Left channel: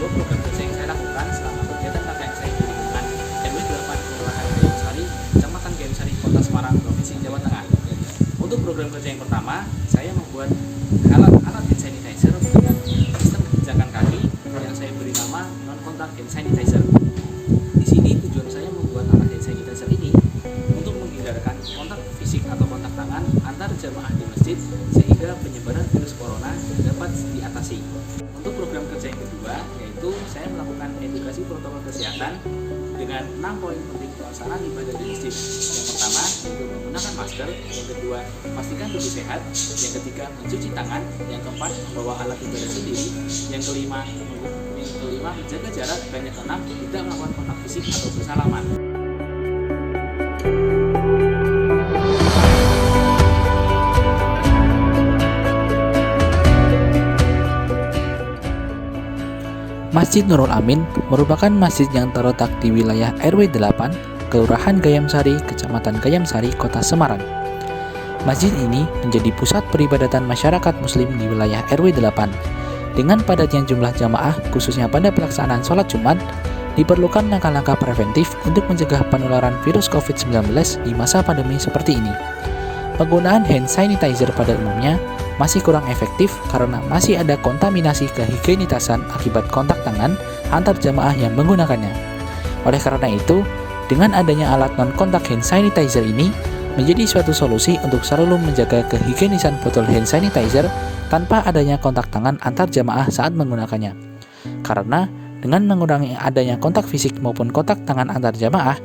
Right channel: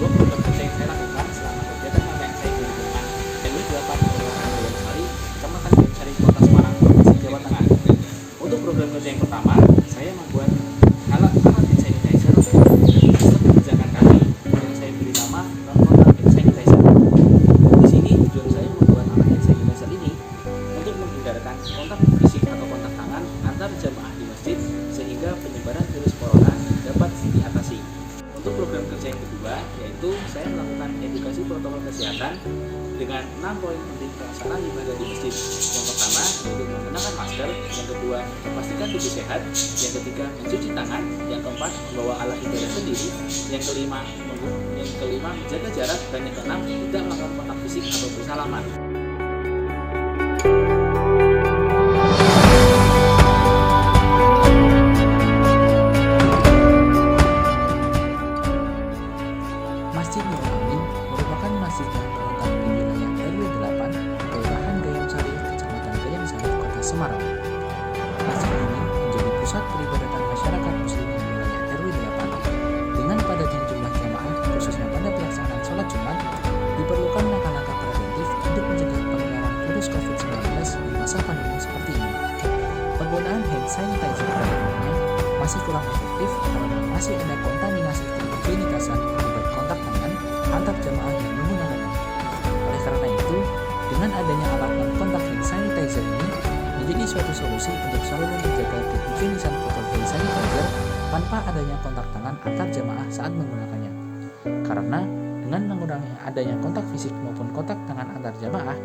dua program kerja yang saya lakukan selama kegiatan KKN saya di lingkungan RW 8 Kelurahan Gayamsari, Kecamatan Gayamsari, Kota Semarang, Provinsi Jawa Tengah. Untuk program kerja yang pertama, saya membuat alat-alat hand sanitizer dengan sistem penjejakan kaki yang saya beri nama non-kontak hand sanitizer. Di sini tujuan saya membuat alat hand sanitizer ini untuk menghindarkan kontak fisik atau kontak tangan antar jamaah di masjid sehingga penyebaran virus corona dapat diatasi. Untuk program kerja yang kedua, yaitu saya melakukan edukasi protokol kesehatan dengan 6 poin penting pelaksanaan ibadah di masjid. Yang pertama, yaitu menggunakan masker. Yang kedua, pastikan tubuh sehat. Yang ketiga, mencuci tangan. Yang keempat, membawa alat ibadah sendiri. Yang kelima, menjaga jarak. Dan yang keenam, tidak melakukan kontak fisik atau bersalaman. Masjid Nurul Amin merupakan masjid yang terletak di wilayah RW 8, Kelurahan Gayamsari, Kecamatan Gayamsari, Kota Semarang. Masjid ini menjadi pusat peribadatan masyarakat muslim di wilayah RW 8. Dengan padatnya jumlah jamaah, khususnya pada pelaksanaan sholat Jumat, diperlukan langkah-langkah preventif untuk mencegah penularan virus COVID-19 di masa pandemi seperti ini. Penggunaan hand sanitizer pada umumnya masih kurang efektif karena masih ada kontaminasi kehigienitasan akibat kontak tangan antar jamaah yang menggunakannya. Oleh karena itu, dengan adanya alat non-kontak hand sanitizer ini menjadi suatu solusi untuk selalu menjaga kehigienisan botol hand sanitizer tanpa adanya kontak tangan antar jamaah saat menggunakannya. Karena dengan mengurangi adanya kontak fisik maupun kontak tangan antar jamaah,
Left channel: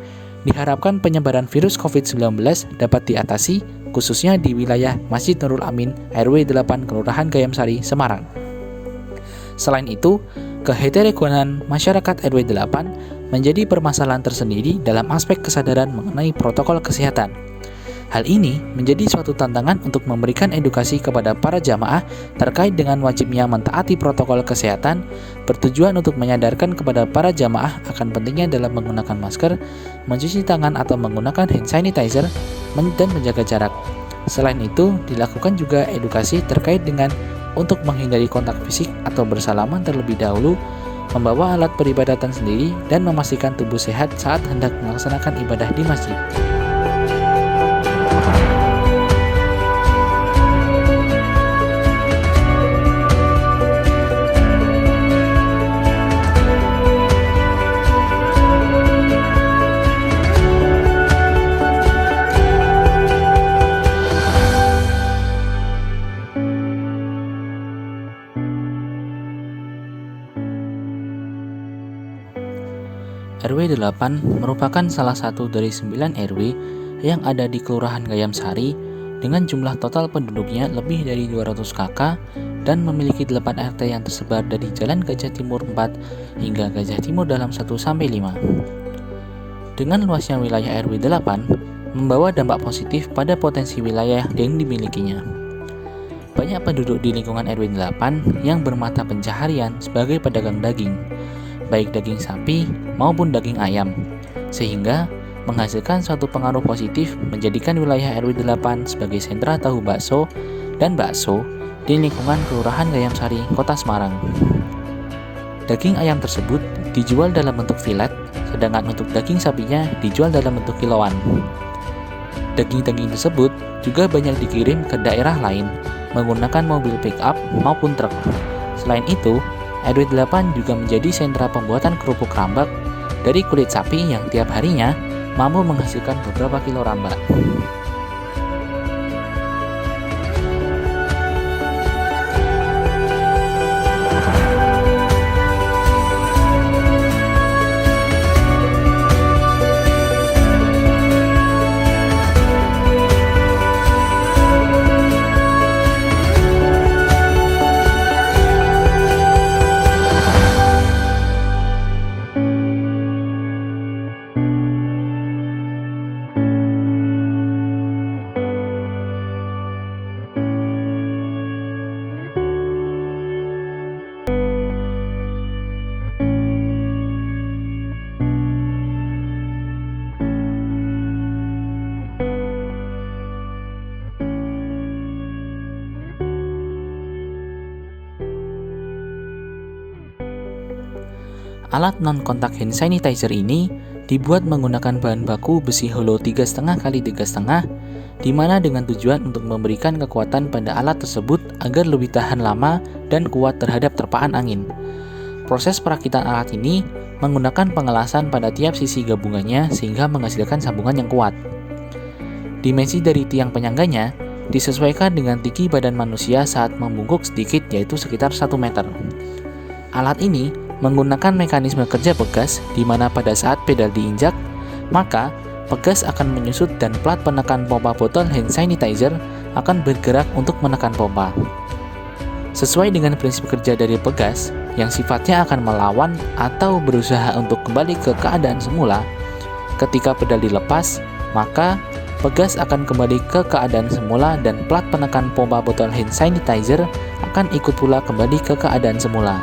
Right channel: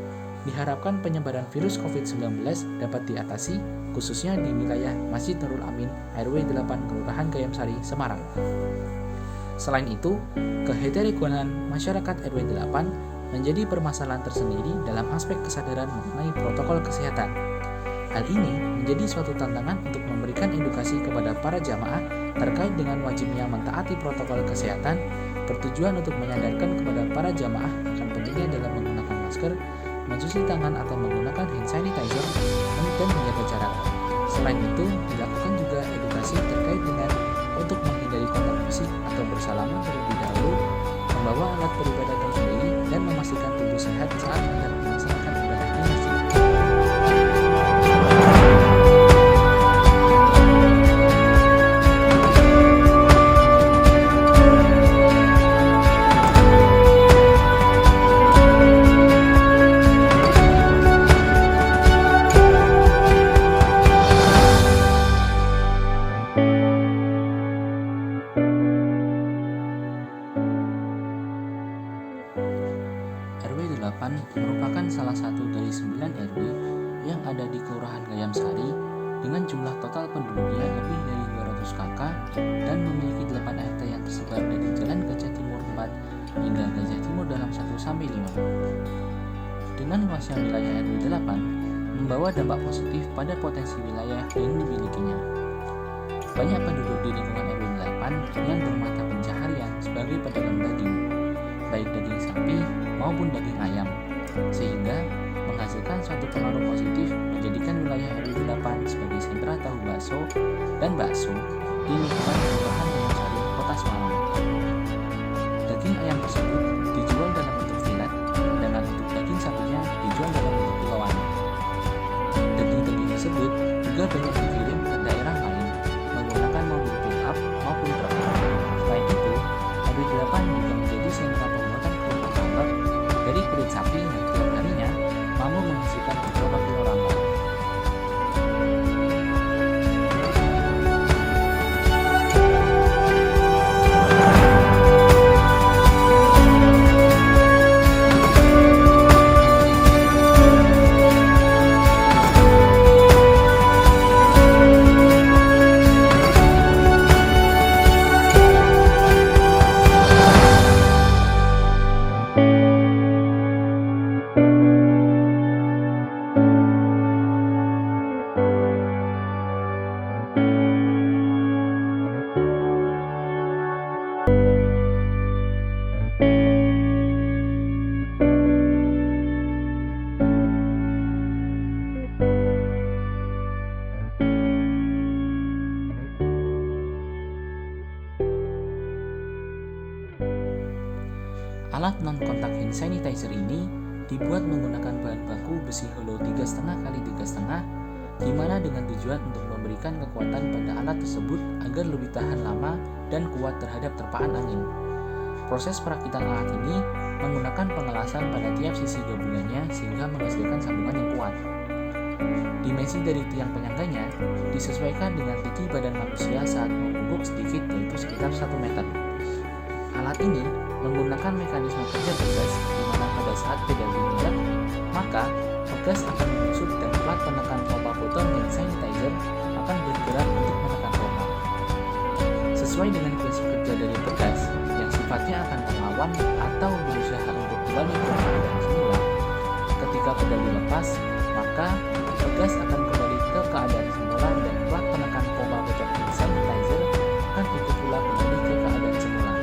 diharapkan penyebaran virus COVID-19 dapat diatasi khususnya di wilayah Masjid Nurul Amin RW 8 Kelurahan Gayamsari, Semarang. Selain itu, keheterogenean masyarakat RW 8 menjadi permasalahan tersendiri dalam aspek kesadaran mengenai protokol kesehatan. Hal ini menjadi suatu tantangan untuk memberikan edukasi kepada para jamaah terkait dengan wajibnya mentaati protokol kesehatan, bertujuan untuk menyadarkan kepada para jamaah akan pentingnya dalam menggunakan masker, mencuci tangan atau menggunakan hand sanitizer, dan menjaga jarak. Selain itu, dilakukan juga edukasi terkait dengan untuk menghindari kontak fisik atau bersalaman terlebih dahulu, membawa alat peribadatan sendiri, dan memastikan tubuh sehat saat hendak melaksanakan ibadah di masjid. RW 8 merupakan salah satu dari 9 RW yang ada di Kelurahan Gayamsari dengan jumlah total penduduknya lebih dari 200 KK dan memiliki 8 RT yang tersebar dari Jalan Gajah Timur 4 hingga Gajah Timur Dalam 1-5. Dengan luasnya wilayah RW 8 membawa dampak positif pada potensi wilayah yang dimilikinya. Banyak penduduk di lingkungan RW 8 yang bermata pencaharian sebagai pedagang daging, baik daging sapi maupun daging ayam, sehingga menghasilkan suatu pengaruh positif menjadikan wilayah RW 8 sebagai sentra tahu bakso dan bakso di lingkungan Kelurahan Gayamsari, Kota Semarang. Daging ayam tersebut dijual dalam bentuk filet, sedangkan untuk daging sapinya dijual dalam bentuk kiloan. Daging-daging tersebut juga banyak dikirim ke daerah lain menggunakan mobil pick-up maupun truk. Selain itu, RW 8 juga menjadi sentra pembuatan kerupuk rambak dari kulit sapi yang tiap harinya mampu menghasilkan beberapa kilo rambak. Alat non-kontak hand sanitizer ini dibuat menggunakan bahan baku besi hollow 3,5 x 3,5, di mana dengan tujuan untuk memberikan kekuatan pada alat tersebut agar lebih tahan lama dan kuat terhadap terpaan angin. Proses perakitan alat ini menggunakan pengelasan pada tiap sisi gabungannya sehingga menghasilkan sambungan yang kuat. Dimensi dari tiang penyangganya disesuaikan dengan tinggi badan manusia saat membungkuk sedikit, yaitu sekitar 1 meter. Alat ini menggunakan mekanisme kerja pegas di mana pada saat pedal diinjak, maka pegas akan menyusut dan plat penekan pompa botol hand sanitizer akan bergerak untuk menekan pompa. Sesuai dengan prinsip kerja dari pegas yang sifatnya akan melawan atau berusaha untuk kembali ke keadaan semula, ketika pedal dilepas, maka pegas akan kembali ke keadaan semula dan plat penekan pompa botol hand sanitizer akan ikut pula kembali ke keadaan semula.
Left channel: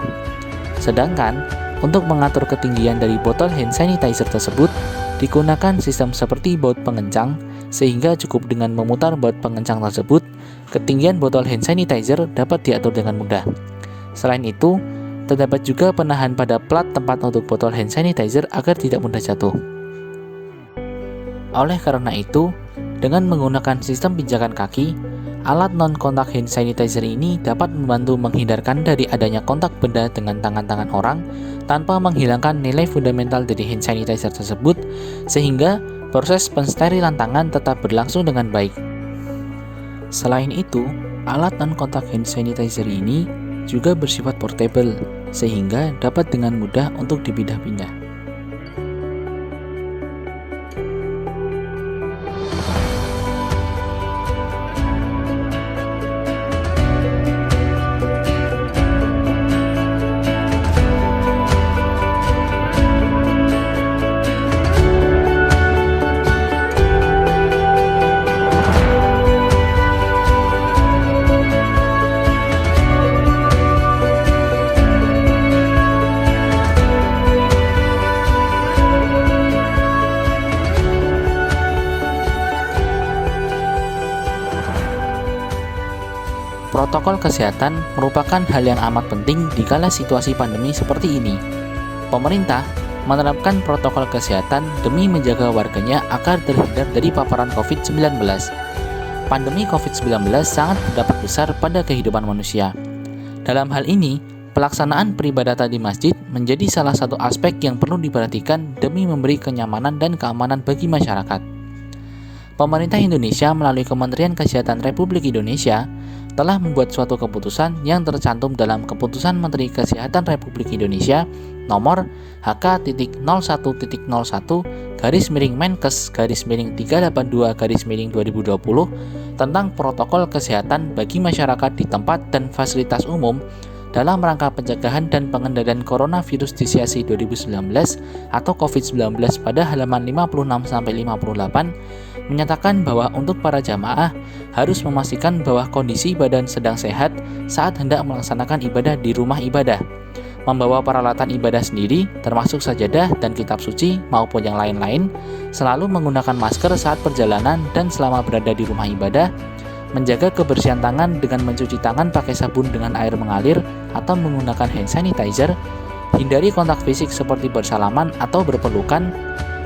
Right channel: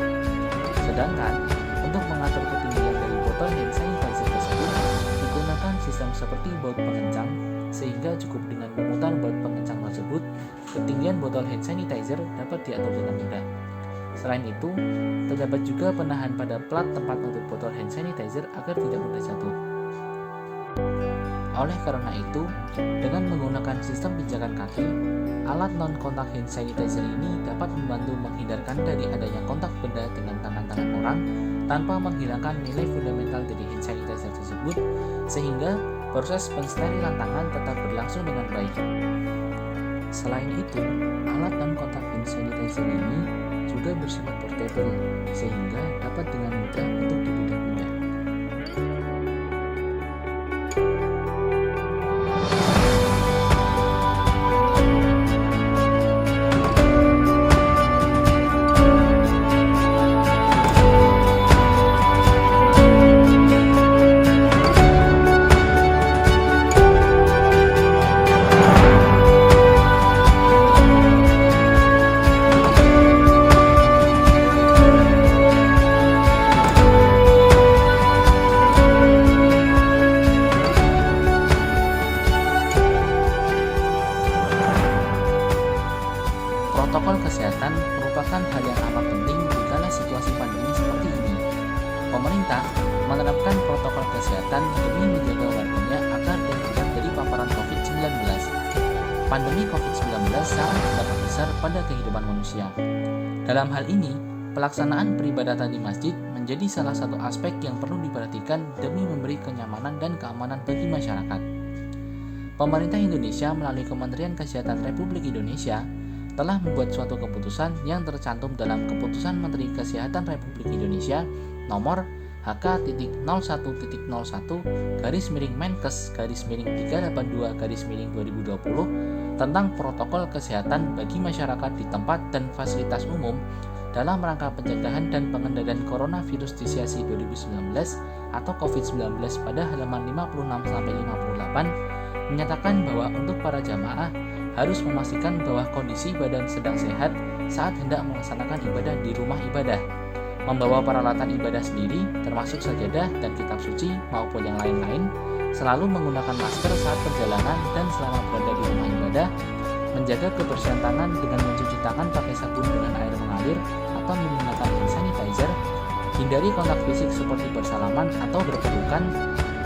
Sedangkan, untuk mengatur ketinggian dari botol hand sanitizer tersebut, digunakan sistem seperti baut pengencang, sehingga cukup dengan memutar baut pengencang tersebut, ketinggian botol hand sanitizer dapat diatur dengan mudah. Selain itu, terdapat juga penahan pada plat tempat untuk botol hand sanitizer agar tidak mudah jatuh. Oleh karena itu, dengan menggunakan sistem pijakan kaki, alat non-kontak hand sanitizer ini dapat membantu menghindarkan dari adanya kontak benda dengan tangan-tangan orang tanpa menghilangkan nilai fundamental dari hand sanitizer tersebut, sehingga proses pensterilan tangan tetap berlangsung dengan baik. Selain itu, alat non-kontak hand sanitizer ini juga bersifat portable, sehingga dapat dengan mudah untuk dipindah-pindah. Protokol kesehatan merupakan hal yang amat penting di kala situasi pandemi seperti ini. Pemerintah menerapkan protokol kesehatan demi menjaga warganya agar terhindar dari paparan COVID-19. Pandemi COVID-19 sangat berdampak besar pada kehidupan manusia. Dalam hal ini, pelaksanaan peribadatan di masjid menjadi salah satu aspek yang perlu diperhatikan demi memberi kenyamanan dan keamanan bagi masyarakat. Pemerintah Indonesia melalui Kementerian Kesehatan Republik Indonesia telah membuat suatu keputusan yang tercantum dalam Keputusan Menteri Kesehatan Republik Indonesia nomor HK.01-Menkes-382-2020 tentang protokol kesehatan bagi masyarakat di tempat dan fasilitas umum dalam rangka pencegahan dan pengendalian coronavirus disease 2019 atau COVID-19 pada halaman 56-58 menyatakan bahwa untuk para jamaah harus memastikan bahwa kondisi badan sedang sehat saat hendak melaksanakan ibadah di rumah ibadah, membawa peralatan ibadah sendiri termasuk sajadah dan kitab suci maupun yang lain-lain, selalu menggunakan masker saat perjalanan dan selama berada di rumah ibadah, menjaga kebersihan tangan dengan mencuci tangan pakai sabun dengan air mengalir atau menggunakan hand sanitizer, hindari kontak fisik seperti bersalaman atau berpelukan,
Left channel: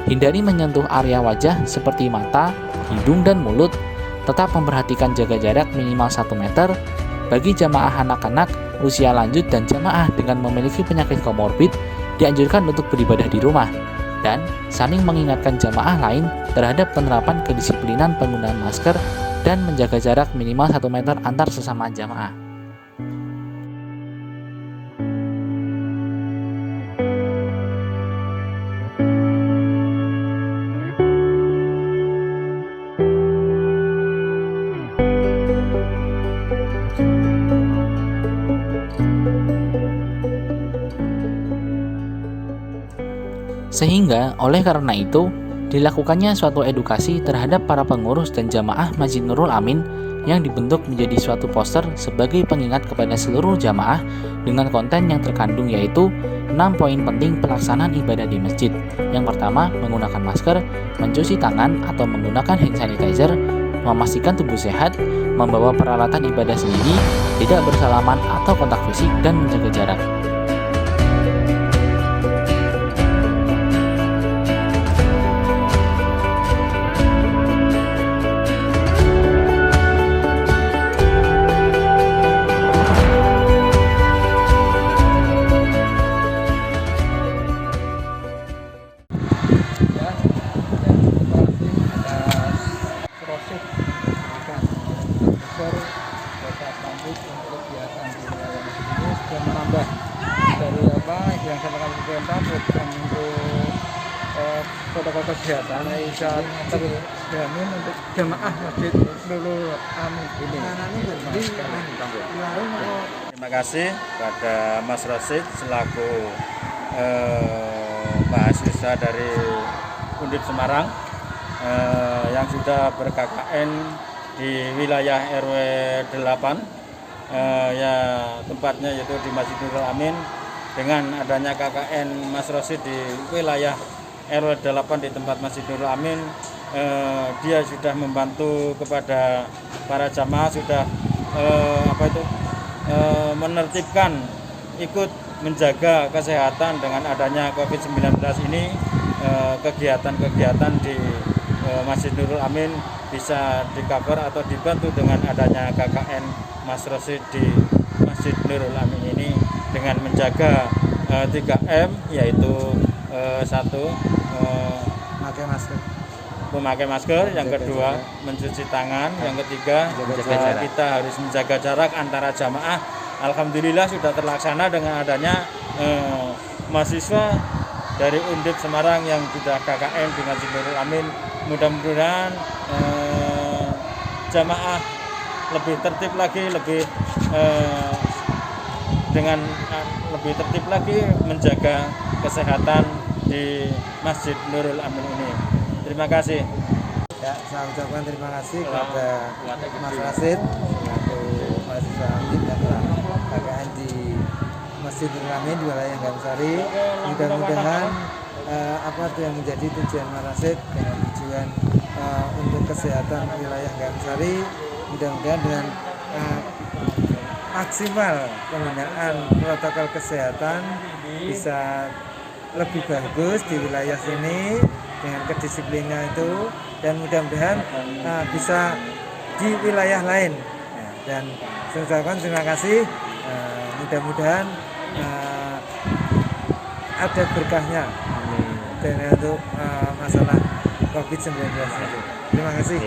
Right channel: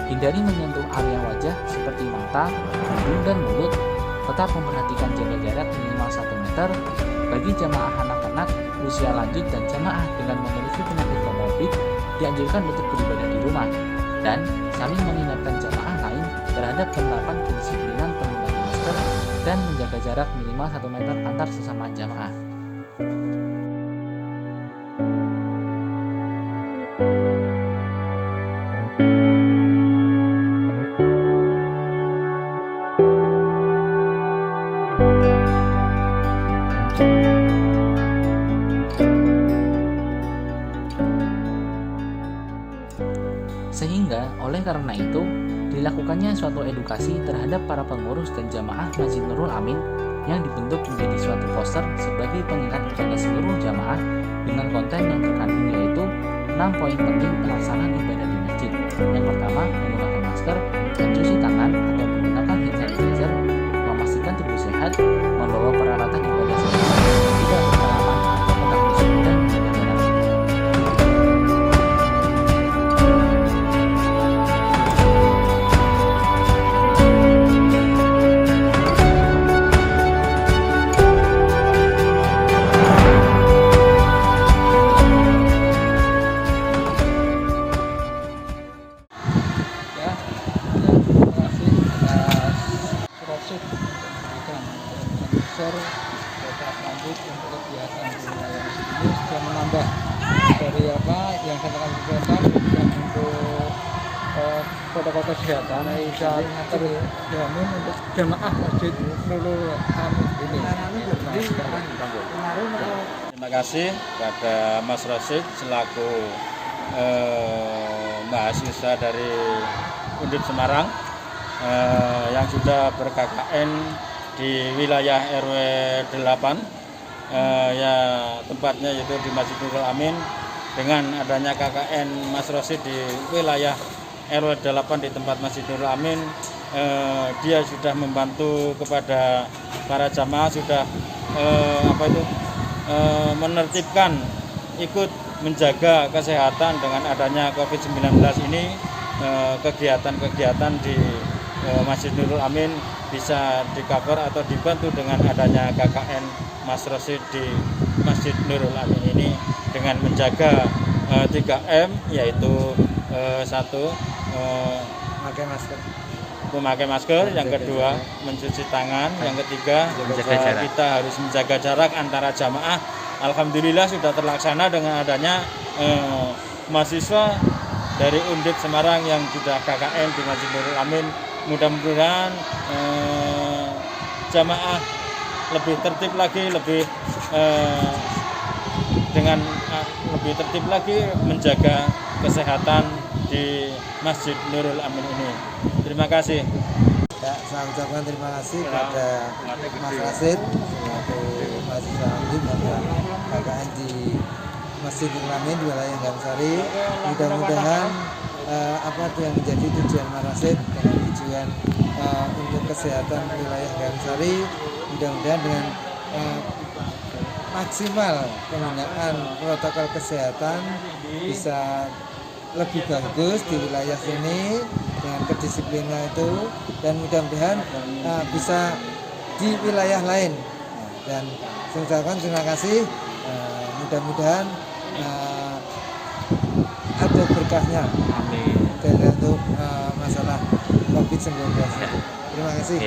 hindari menyentuh area wajah seperti mata, hidung, dan mulut, tetap memperhatikan jaga jarak minimal 1 meter, bagi jamaah anak-anak, usia lanjut, dan jamaah dengan memiliki penyakit komorbid dianjurkan untuk beribadah di rumah, dan saling mengingatkan jamaah lain terhadap penerapan kedisiplinan penggunaan masker dan menjaga jarak minimal 1 meter antar sesama jamaah. Sehingga oleh karena itu dilakukannya suatu edukasi terhadap para pengurus dan jamaah Masjid Nurul Amin yang dibentuk menjadi suatu poster sebagai pengingat kepada seluruh jamaah dengan konten yang terkandung yaitu 6 poin penting pelaksanaan ibadah di masjid. Yang pertama, menggunakan masker, mencuci tangan atau menggunakan hand sanitizer, memastikan tubuh sehat, membawa peralatan ibadah sendiri, tidak bersalaman atau kontak fisik, dan menjaga jarak. dari yang sampaikan kesehatan dan untuk protokol kesehatan bisa terjamin untuk jamaah Masjid Nurul Amin ini. Terima kasih kepada Mas Rosid selaku mahasiswa dari Undip Semarang yang sudah ber-KKN di wilayah RW 8 ya tempatnya yaitu di Masjid Nurul Amin. Dengan adanya KKN Mas Rosid di wilayah RW 8 di tempat Masjid Nurul Amin, dia sudah membantu kepada para jamaah, sudah menertibkan, ikut menjaga kesehatan dengan adanya COVID-19 ini. Kegiatan-kegiatan di Masjid Nurul Amin bisa di-cover atau dibantu dengan adanya KKN Mas Rosid di Masjid Nurul Amin ini dengan menjaga 3M, yaitu satu memakai masker, yang kedua mencuci tangan, yang ketiga kita harus menjaga jarak antara jamaah. Alhamdulillah sudah terlaksana dengan adanya mahasiswa dari Undip Semarang yang sudah KKN di Masjid Nurul Amin. Mudah-mudahan jamaah lebih tertib lagi, dengan lebih tertib lagi menjaga kesehatan di Masjid Nurul Amin ini. Terima kasih. Ya, saya ucapkan terima kasih kepada Mas Rasid selaku mahasiswa Undip yang telah KKN di Masjid Nurul Amin di wilayah Gamsari. Mudah-mudahan apa yang menjadi tujuan Mas Rasid dengan tujuan untuk kesehatan wilayah Gamsari, mudah-mudahan dengan maksimal penggunaan protokol kesehatan bisa lebih bagus di wilayah sini dengan kedisiplinan itu, dan mudah-mudahan bisa di wilayah lain. Dan saya ucapkan terima kasih, mudah-mudahan ada berkahnya. Amin. Dan untuk masalah COVID-19 itu. Terima kasih.